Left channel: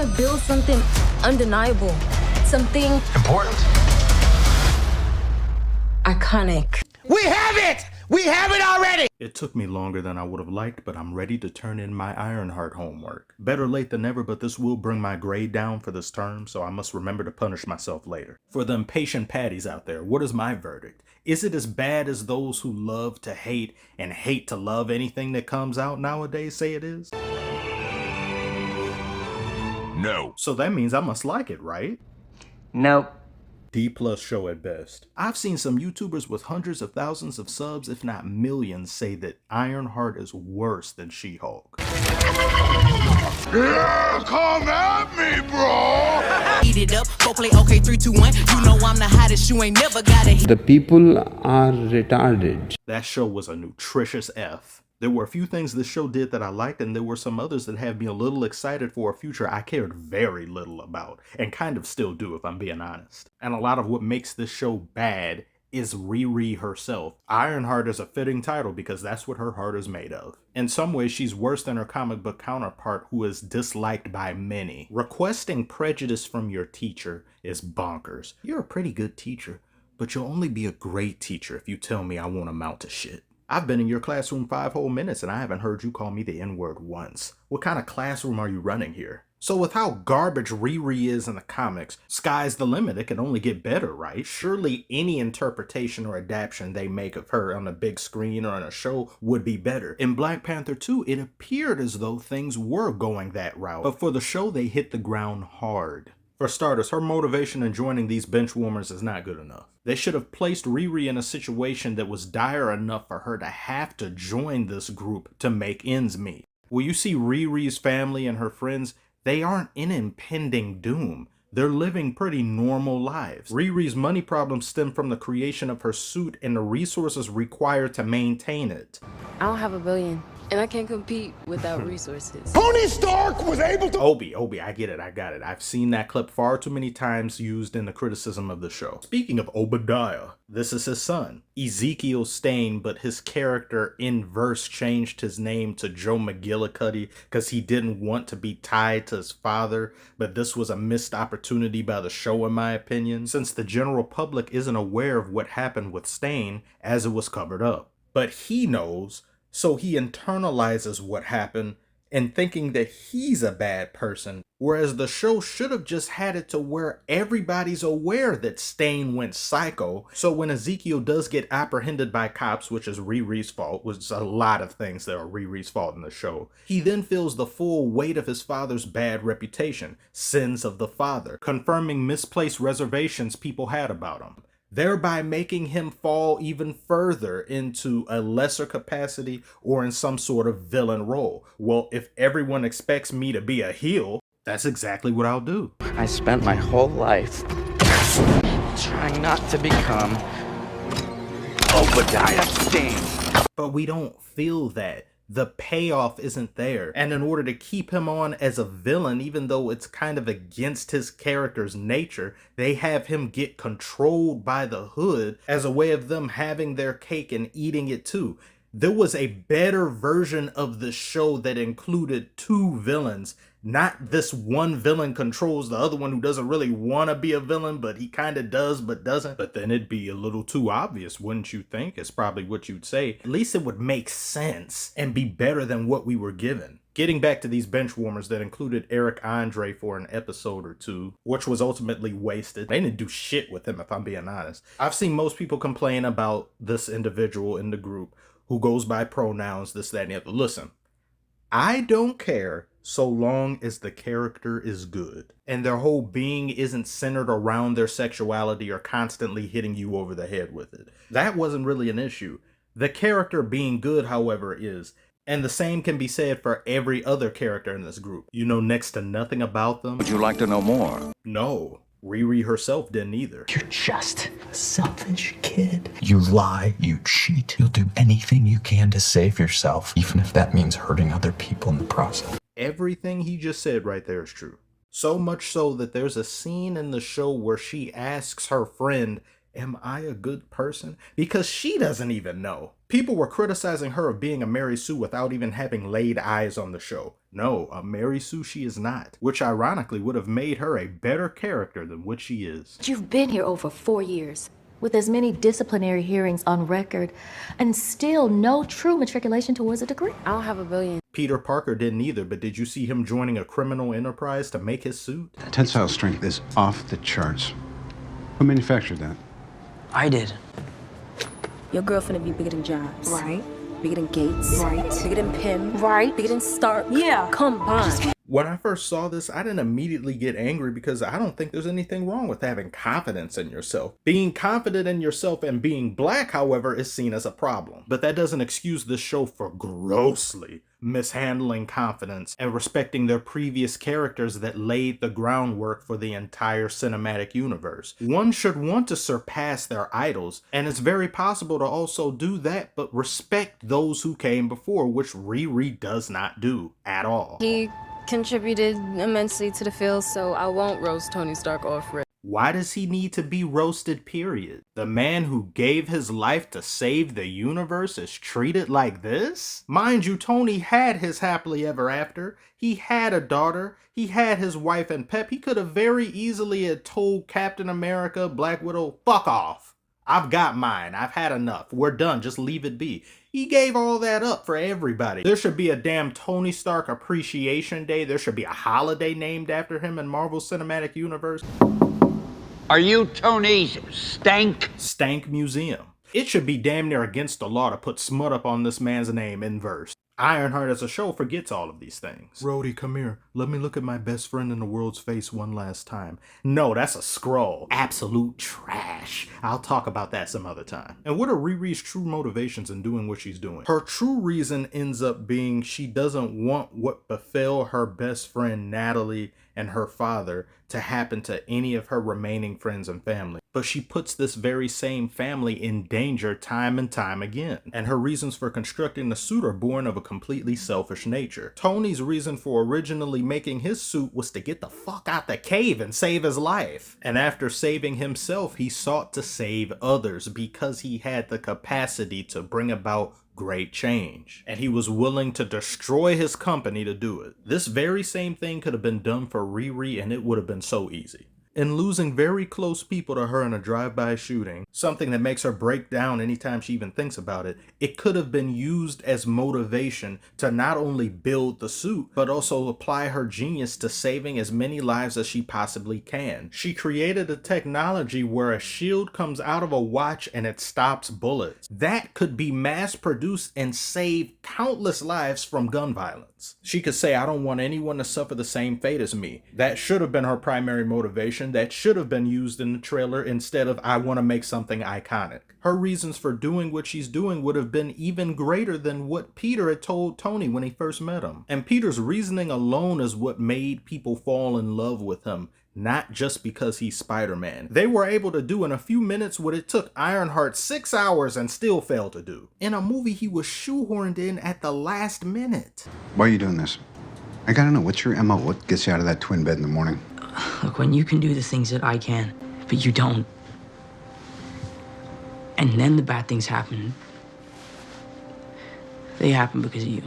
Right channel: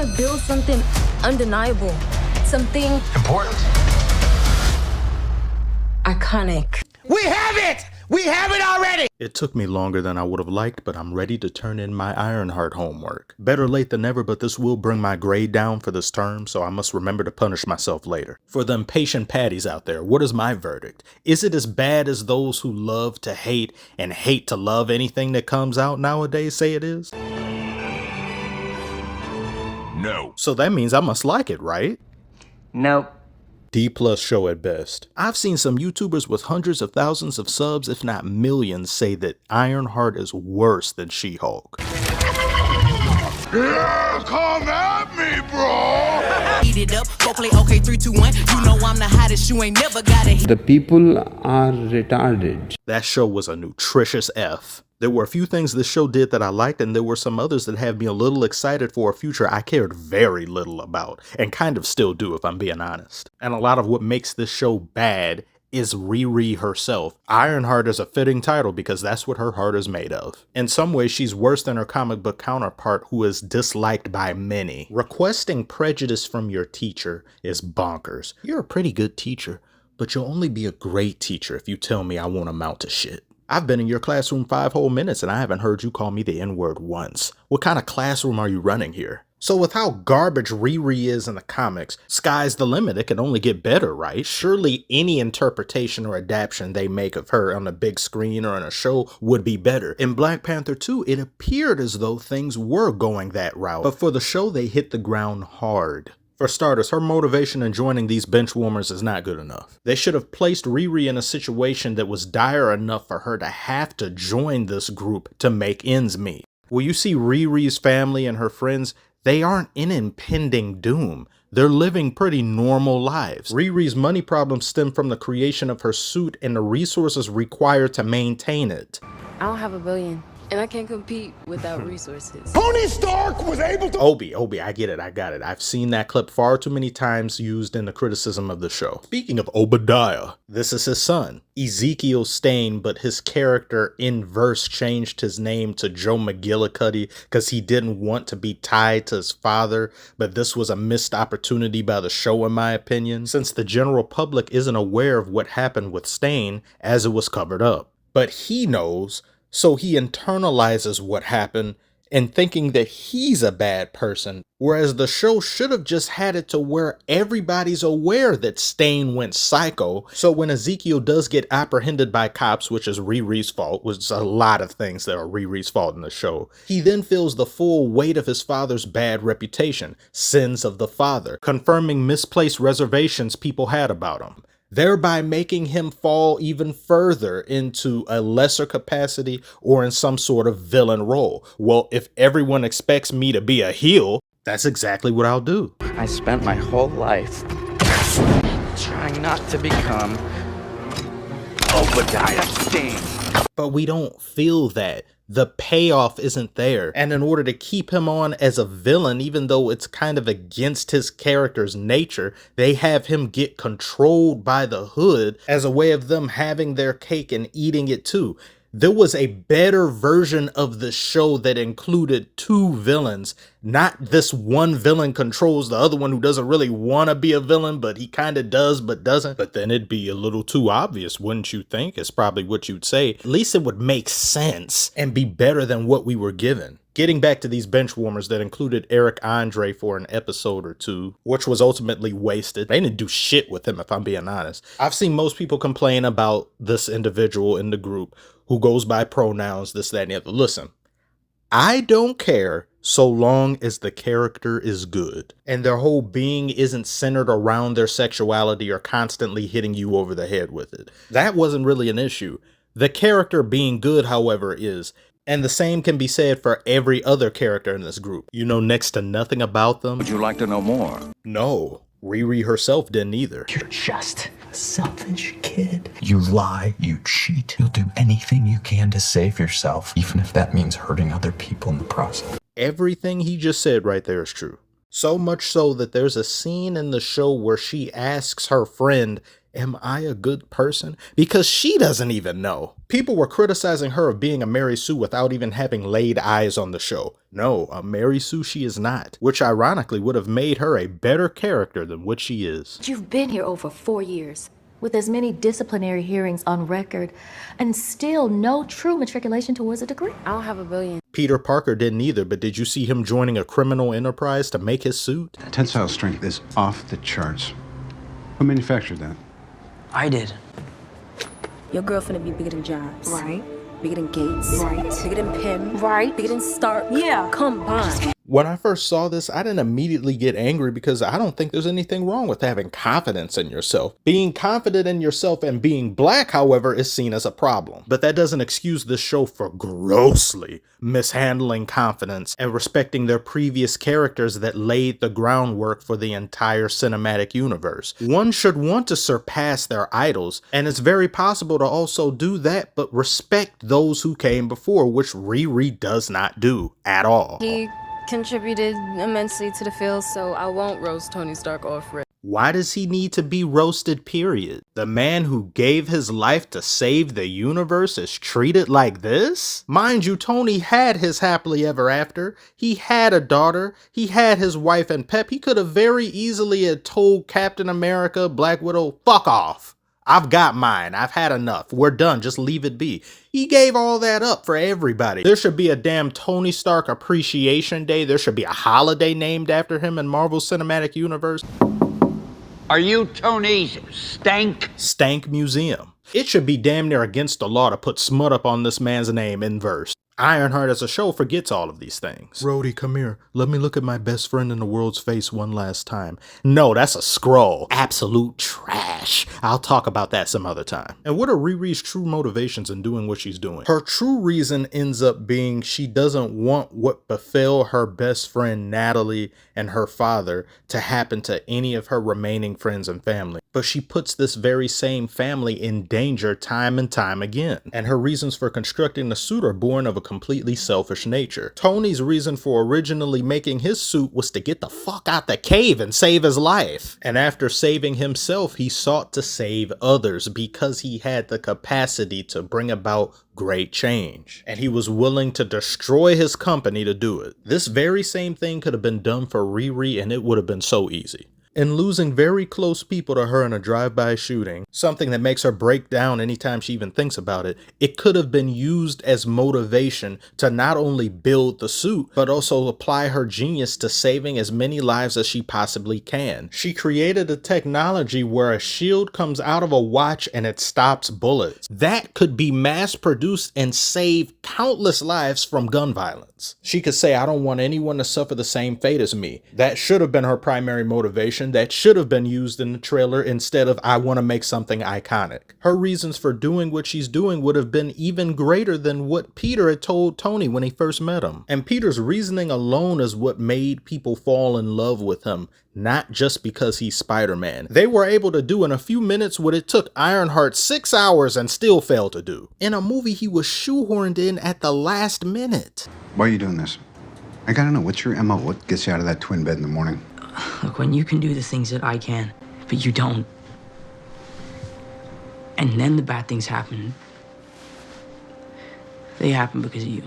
want to build something undeniable, something important, iconic. We have it! We have it already! It took me longer than I would have liked, but I'm ready to turn in my Ironheart homework. Better late than never, but this will bring my grade down for this term, so I must remember to punish myself later. For them patient patties out there, what is my verdict? Is it as bad as those who love to hate and hate to love anything that comes out nowadays say it is? no. So that means I must like it, right? Nope. D+ show at best. I've seen some YouTubers with hundreds of thousands of subs, if not millions, say that Ironheart is worse than She-Hulk. Yeah, come at me, bro. Eat it up, go play okay, 3, 2, 1. You know I'm the hottest, you ain't never got it. The people are retarded. That show was a nutritious F. There were a few things this show did that I liked, and there were some others that had me a little excited for a future I cared very little about, and kind of still do if I'm being honest. And a lot of what makes this show bad is Riri herself. Ironheart is a fitting title because that's what her heart is made of. In some ways, she's worse than her comic book counterpart who is disliked by many. Requesting prejudice from your teacher is bonkers. You're a pretty good teacher, but you'll only be a great teacher if you tell me I won't amount to shit. I've been in your classroom 5 whole minutes and I haven't heard you call me the N-word once. What kind of classroom are you running here? So with how garbage Riri is in the comics, sky's the limit. It can only get better, right? Surely any interpretation or adaptation they make of her on a big screen or on a show would be better. In Black Panther 2, it appeared as though things were going that route. But for the show, they hit the ground hard. For starters, her motivation in joining these benchwarmers is not good enough. They should have placed Riri in a situation that was dire enough for her to have to join this group to make ends meet. Well, you see Riri's family and her friends, they aren't in impending doom. They're living pretty normal lives. Riri's money problems stem from the creation of her suit and the resources required to maintain it. I don't have $1 billion, and I can't compete without resources. Tony Stark was able to— Obi, I get it, I got it. I've seen that clip far too many times used in the criticism of the show. Speaking of Obadiah, this is his son, Ezekiel Stane, but his character in verse changed his name to Joe McGillicuddy because he didn't want to be tied to his father, but this was a missed opportunity by the show in my opinion, since the general public isn't aware of what happened with Stane as it was covered up. But he knows, so he internalizes what happened and thinking that he's a bad person, whereas the show should have just had it to where everybody's aware that Stane went psycho. So when Ezekiel does get apprehended by cops, which is Riri's fault, which is a lot of things that are Riri's fault in the show, he then feels the full weight of his father's bad reputation, sins of the father, confirming misplaced reservations people had about him, thereby making him fall even further into a lesser capacity or in some sort of villain role. Well, if everyone expects me to be a heel, that's exactly what I'll do. I spent my whole life trying not to become Obadiah Stane. But we don't feel that. The payoff isn't there. And in order to keep him on as a villain, even though it's kind of against his character's nature, they have him get controlled by the Hood as a way of them having their cake and eating it too. There was a better version of the show that included 2 villains. Not this one villain controls the other one who doesn't really want to be a villain, but he kind of does, but doesn't. But then it'd be a little too obvious, wouldn't you think? It's probably what you'd say. At least it would make sense and be better than what we were given. Getting back to these benchwarmers that included Eric Andre for an episode or 2, which was ultimately wasted. They didn't do shit with him, if I'm being honest. I've seen most people complain about this individual in the group who goes by pronouns, this, that, and the other. Listen, I don't care so long as the character is good and their whole being isn't centered around their sexuality or constantly hitting you over the head with it. That wasn't really an issue. The character being good, however, is. And the same can be said for every other character in this group. You know next to nothing about them. Would you like to know more? No. Riri herself didn't either. You're just a selfish kid. You lie, you cheat. You'll do anything you can to save yourself, even if that means hurting other people in the process. Everything he just said right there is true. So much so that there's a scene in the show where she asks her friend Am I a good person? Because she doesn't even know. People were criticizing her of being a Mary Sue without even having laid eyes on the show. No, a Mary Sue she is not, which ironically would have made her a better character than what she is. You've been here over 4 years, with as many disciplinary hearings on record, and still no true matriculation towards a degree. I don't have a billion. Peter Parker didn't either, but did you see him joining a criminal enterprise to make his suit? Tensile strength is off the charts. Who manufactured that? I did. Your girl finna be bigger than Jobs. Right. Bigger than Gates. Right. Bigger than Pym. Right. Bigger than Stark. Yeah. Combined. When I first saw this, I didn't immediately get angry because I don't think there's anything wrong with having confidence in yourself. Being confident in yourself and being black, however, is seen as a problem. But that doesn't excuse this show for grossly mishandling confidence and respecting their previous characters that laid the groundwork for the entire cinematic universe. One should want to surpass their idols, and it's very possible to also do that, but respect those who came before, which Riri does not do at all. He contributed immensely to the field, so I won't roast Tony Stark off rip. Why does he need to be roasted, period? The man who gave his life to save the universe is treated like this? Mind you, Tony had his happily ever after. He had a daughter. He had his wife and pep. He could have very easily had told Captain America, Black Widow, fuck off. I've got mine. I've had enough. We're done. Just leave it be. He gave all that up for everybody. There should be a damn Tony Stark Appreciation Day. There should be a holiday named after him in Marvel Cinematic Universe. Are you Tony's Stank? Stank Museum. It should be damn near against the law to put smut up on this man's name in verse. Ironheart as a show forgets all of these things. Rhodey, come here. Let me look at my best friend in the world's face one last time. No, that's a scroll. Absolute trash. I'll talk about that some other time. And what are Riri's true motivations in doing what she's doing? Her true reason ends up being she doesn't want what befell her best friend Natalie and her father to happen to any of her remaining friends and family. But she puts this very same family in danger time and time again. And her reasons for constructing the suit are born of a completely selfish nature. Tony's reason for originally making his suit was to get the fuck out the cave and save his life. And after saving himself, he sought to save others because he had the capacity to bring about great change. And he was willing to destroy his company to do it. This very same thing could have been done for Riri, and it would have been so easy. In losing very close people to her in a drive-by shooting, something that makes her break down anytime she even thinks about it, it could have been used as motivation to not only build the suit, but also apply her genius to saving as many lives as she possibly can. She created a technology where a shield comes out of a watch and it stops bullets. That could be mass-produced and save countless lives from gun violence. She could say, I don't want anyone to suffer the same fate as me. That should have been her primary motivation. That should have been used in the trailer instead of I want to make something iconic. Her reasons for doing what she's doing would have been even greater than what Peter had told Tony when he first met him. And Peter's reasoning alone is what made people fall in love with him, not just because he's Spider-Man. They were able to do in a few minutes what it took Ironheart 6 hours and still failed to do. In a movie he was shoehorned in at the last minute. Why are you doing this? I gotta know, what's your MO? What gets you out of that twin bed in the morning? Look, when you can do the things that I can, but you don't, and then the bad things happen, they happen because of you.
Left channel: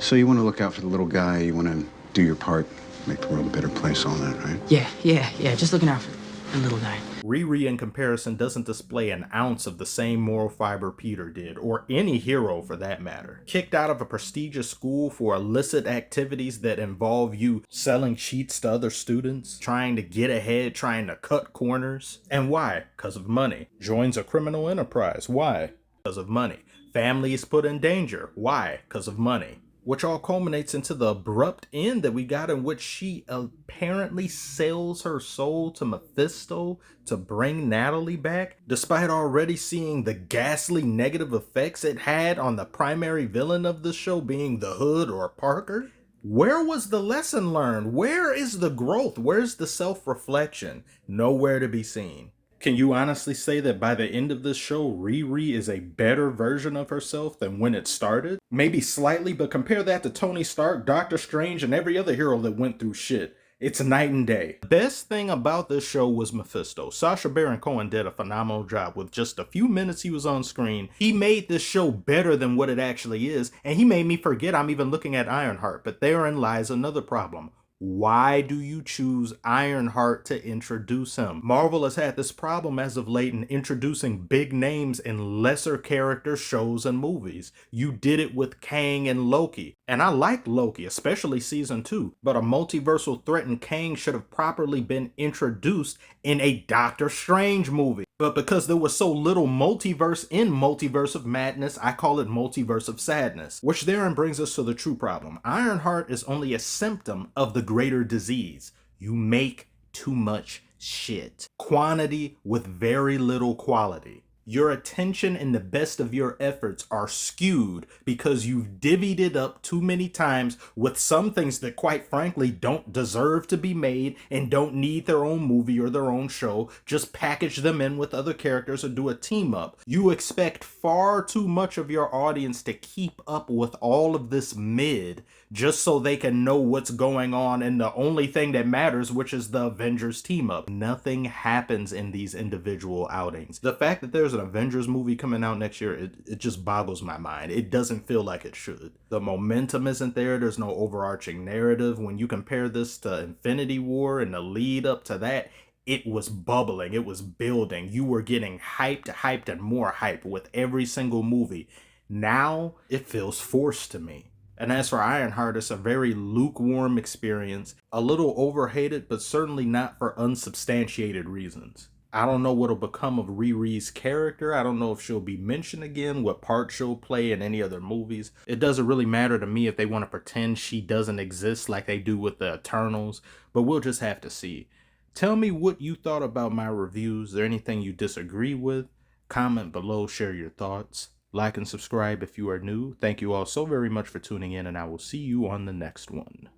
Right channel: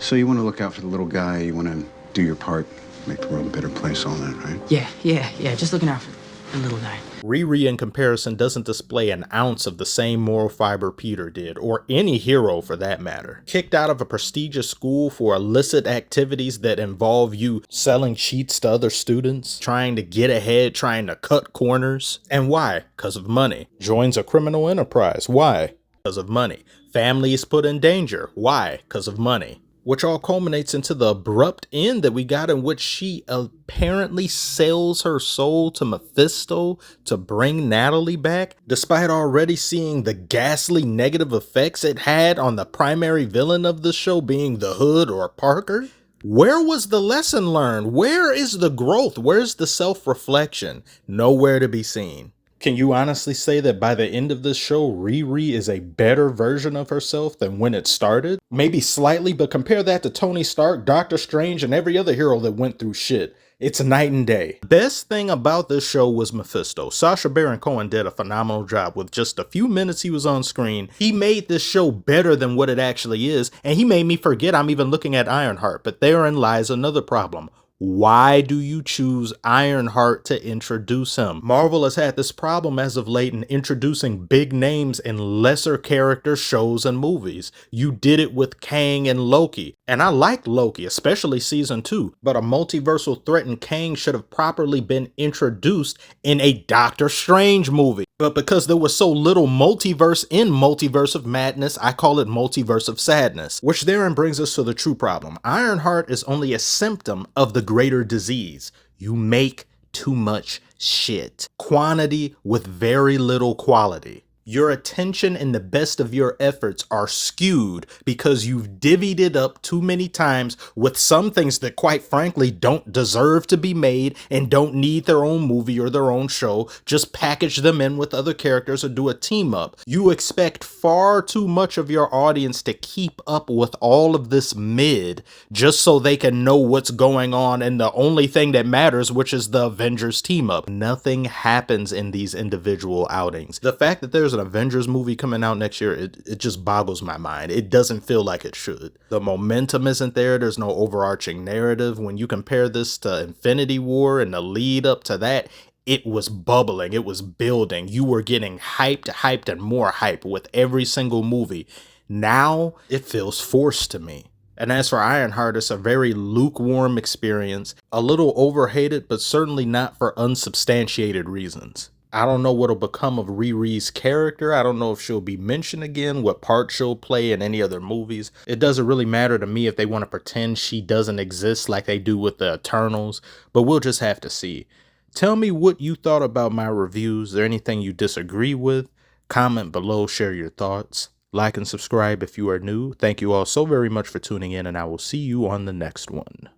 So you want to look out for the little guy, you want to do your part, make the world a better place, all that, right? Yeah, just looking out for the little guy. Riri, in comparison, doesn't display an ounce of the same moral fiber Peter did, or any hero for that matter. Kicked out of a prestigious school for illicit activities that involve you selling cheats to other students, trying to get ahead, trying to cut corners. And why? Because of money. Joins a criminal enterprise. Why? Because of money. Family is put in danger. Why? Because of money. Which all culminates into the abrupt end that we got, in which she apparently sells her soul to Mephisto to bring Natalie back, despite already seeing the ghastly negative effects it had on the primary villain of the show being the Hood or Parker. Where was the lesson learned? Where is the growth? Where's the self-reflection? Nowhere to be seen. Can you honestly say that by the end of this show, Riri is a better version of herself than when it started? Maybe slightly, but compare that to Tony Stark, Doctor Strange, and every other hero that went through shit. It's night and day. The best thing about this show was Mephisto. Sacha Baron Cohen did a phenomenal job. With just a few minutes he was on screen, he made this show better than what it actually is, and he made me forget I'm even looking at Ironheart. But therein lies another problem. Why do you choose Ironheart to introduce him? Marvel has had this problem as of late in introducing big names in lesser character shows and movies. You did it with Kang and Loki, and I liked Loki, especially season 2, but a multiversal threat in Kang should have properly been introduced in a Doctor Strange movie. But because there was so little multiverse in Multiverse of Madness, I call it Multiverse of Sadness, which therein brings us to the true problem. Ironheart is only a symptom of the greater disease. You make too much shit. Quantity with very little quality. Your attention and the best of your efforts are skewed because you've divvied it up too many times with some things that quite frankly don't deserve to be made and don't need their own movie or their own show. Just package them in with other characters or do a team up. You expect far too much of your audience to keep up with all of this mid just so they can know what's going on and the only thing that matters, which is the Avengers team up. Nothing happens in these individual outings. The fact that there's an Avengers movie coming out next year, it just boggles my mind. It doesn't feel like it should. The momentum isn't there. There's no overarching narrative. When you compare this to Infinity War and the lead up to that, it was bubbling. It was building. You were getting hyped, and more hype with every single movie. Now it feels forced to me. And as for Ironheart, it's a very lukewarm experience, a little overhated, but certainly not for unsubstantiated reasons. I don't know what'll become of Riri's character. I don't know if she'll be mentioned again, what part she'll play in any other movies. It doesn't really matter to me if they want to pretend she doesn't exist like they do with the Eternals, but we'll just have to see. Tell me what you thought about my reviews. Is there anything you disagree with? Comment below, share your thoughts. Like and subscribe if you are new. Thank you all so very much for tuning in, and I will see you on the next one.